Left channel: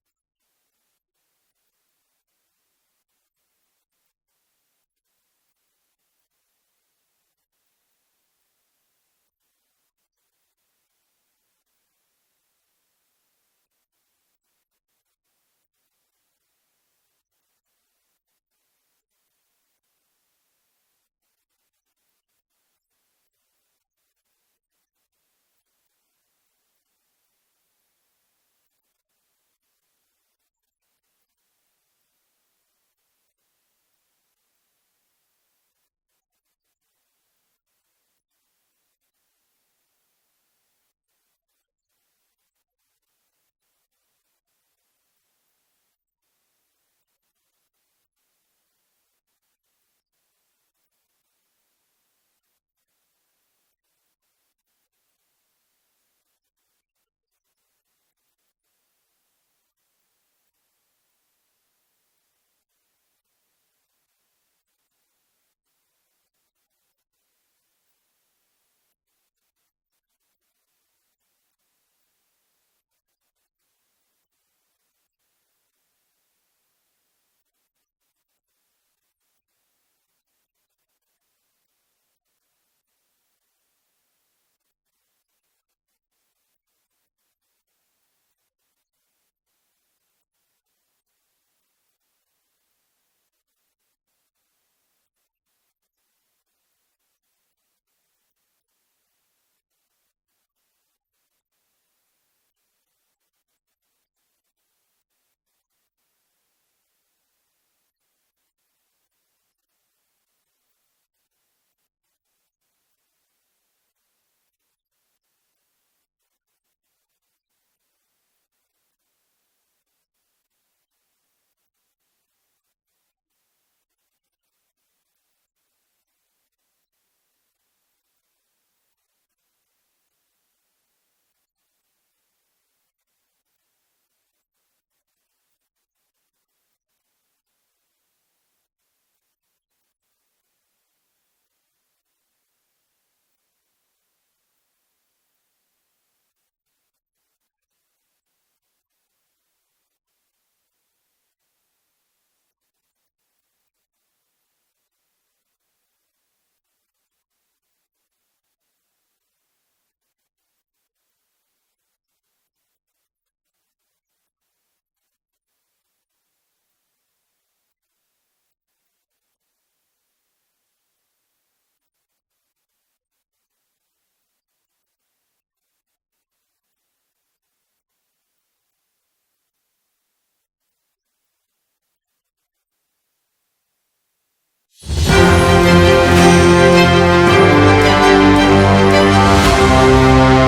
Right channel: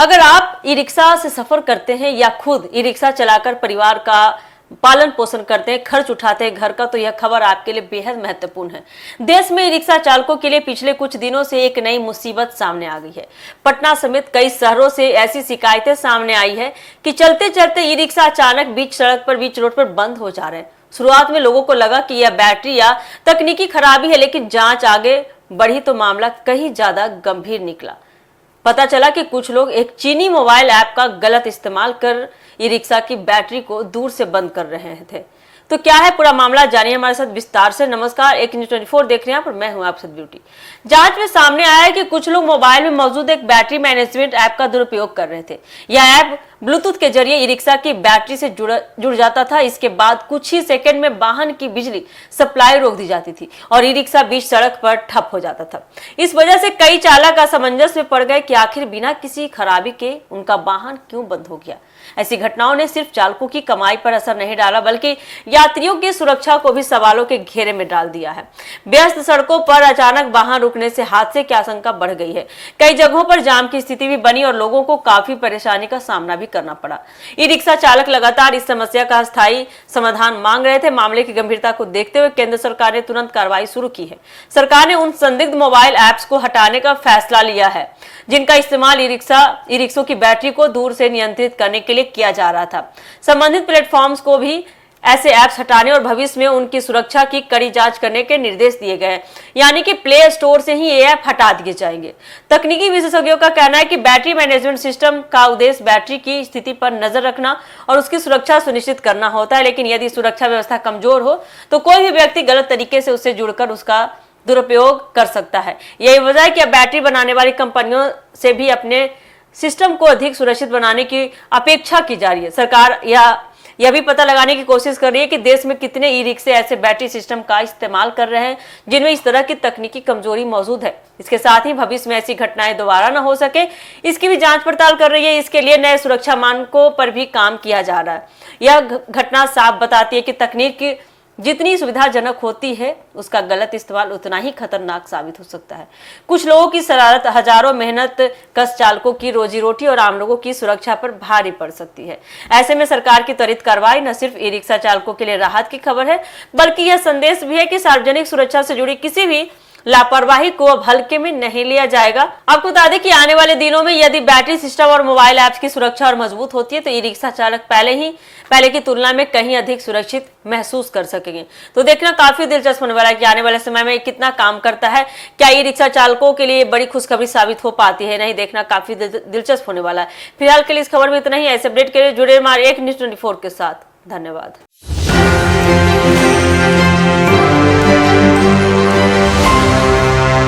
अगर आप e rickshaw से सफर करते हैं या खुद ई रिक्शा चलाकर परिवार का पालन पोषण करते हैं, खर्च उठाते हैं घर का, तो यह खबर आपके लिए बेहद महत्वपूर्ण है। देश में ई रिक्शा चालकों के लिए पिछले कुछ दिनों से एक नई मुसीबत सामने आ गई है। पटना समेत कई शहरों से ऐसी शिकायतें सामने आई है कि चलते चलते ई रिक्शा अचानक बीच सड़क पर, बीच रोड पर बंद हो जा रहे हैं। शुरुआत में लोगों को लगा कि यह बैटरी या तकनीकी खराबी है, लेकिन जांच आगे बढ़ी तो मामला कहीं ज्यादा गंभीर निकला। पता चला कि कुछ लोग एक चीनी मोबाइल ऐप का गलत इस्तेमाल कर ई रिक्शा की बैटरी को दूर से बंद कर रहे थे। तो क्या है पूरा मामला, जानिए हमारे साथ विस्तार से। नमस्कार, एक न्यूज़ 24 देख रहे हैं पर मैं हूं आप सब ब्यूटी। जांच में सामने आया है कि कुछ लोग मोबाइल में मौजूद एक बैटरी मैनेजमेंट ऐप का दुरुपयोग कर रहे थे। यह ऐप ब्लूटूथ के जरिए ई रिक्शा की बैटरी से जुड़ जाता था। इसके बाद कुछ ही सेकंड में वाहन की बिजली सप्लाई रोक दी जाती थी और ई रिक्शा बीच सड़क पर ठप हो जाता था। इस वजह से कई चालक असमंजस में पड़ गए कि आखिर बिना किसी खराबी के उनका वाहन क्यों बंद हो गया। ऐसी घटनाओं ने सिर्फ चालकों की कमाई पर असर नहीं डाला, बल्कि यात्रियों की सुरक्षा को भी सवालों के घेरे में डाल दिया है। व्यस्त सड़कों पर अचानक वाहन रुकने से हादसे की आशंका बढ़ गई है। कई जगहों पर जाम की स्थिति भी बनी और लोगों को काफी परेशानी का सामना भी करना पड़ा। ई रिक्शा चालक लगातार इस समस्या का स्थायी समाधान मांग रहे थे। मामले की गंभीरता को देखते हुए केंद्र सरकार ने तुरंत कार्रवाई शुरू की है। सरकार ने उन संदिग्ध मोबाइल ऐप्स को हटाने का फैसला लिया है जिनका इस्तेमाल ई रिक्शों की बैटरी को दूर से नियंत्रित करने के लिए किया जा रहा था। संबंधित प्लेटफॉर्म्स को भी ऐसे ऐप्स हटाने और भविष्य में उनकी सुरक्षा की कड़ी जांच करने के निर्देश दिए गए हैं। यानी कि प्ले स्टोर से ही ये ऐप हटा दिए जाएंगे। तकनीकी विशेषज्ञों का कहना है कि बैटरी मैनेजमेंट सिस्टम का उद्देश्य बैटरी की स्थिति पर नजर रखना और उसकी सुरक्षा सुनिश्चित करना होता है, लेकिन यदि सुरक्षा व्यवस्था कमजोर हो तो कोई भी व्यक्ति गलत तरीके से उससे जुड़कर उसका दुरुपयोग कर सकता है। यही वजह है कि अब बैटरी बनाने वाली कंपनियों से भी अपने सिस्टम को अधिक सुरक्षित बनाने की अपेक्षा की जा रही है। सरकार यह भी पता लगाने की कोशिश कर रही है कि देश में कितने ई रिक्शे ऐसे बैटरी सिस्टम का इस्तेमाल कर रहे हैं जिनमें इस तरह की तकनीकी कमजोरी मौजूद है। इसके साथ ही भविष्य में ऐसी घटनाएं दोबारा न हो सके, इसकी भी जांच पड़ताल कर रही है। इसके लिए नए सुरक्षा मानकों पर भी काम किया जा रहा है। यह घटना साफ बताती है कि तकनीक जितनी सुविधाजनक होती है उसका गलत इस्तेमाल उतना ही खतरनाक साबित हो सकता है। कुछ लोगों की शरारत हजारों मेहनत कश चालकों की रोजी रोटी और आम लोगों की सुरक्षा पर भारी पड़ सकती है। ऐसे में सरकार की त्वरित कार्रवाई न सिर्फ ई रिक्शा चालकों के लिए राहत की खबर है, बल्कि यह संदेश भी है कि सार्वजनिक सुरक्षा से जुड़ी किसी भी लापरवाही को अब हल्के में नहीं लिया जाएगा। आपको बता दें कि आने वाले दिनों में यदि बैटरी सिस्टम और मोबाइल ऐप्स की सुरक्षा और मजबूत होती है तो ई रिक्शा चालक पहले की तुलना में कहीं अधिक सुरक्षित महसूस कर सकेंगे। तो देखना काफी दिलचस्प होने वाला है कि आने वाले समय में कितना काम करता है। क्या ई रिक्शा चालकों के लिए बड़ी खुशखबरी साबित हो पाती है, नहीं, देखना काफी दिलचस्प होने वाला है। फिलहाल के लिए इस खबर में इतना ही। ऐसे अपडेट के लिए जुड़े हमारे एक न्यूज़ 24 के साथ। धन्यवाद।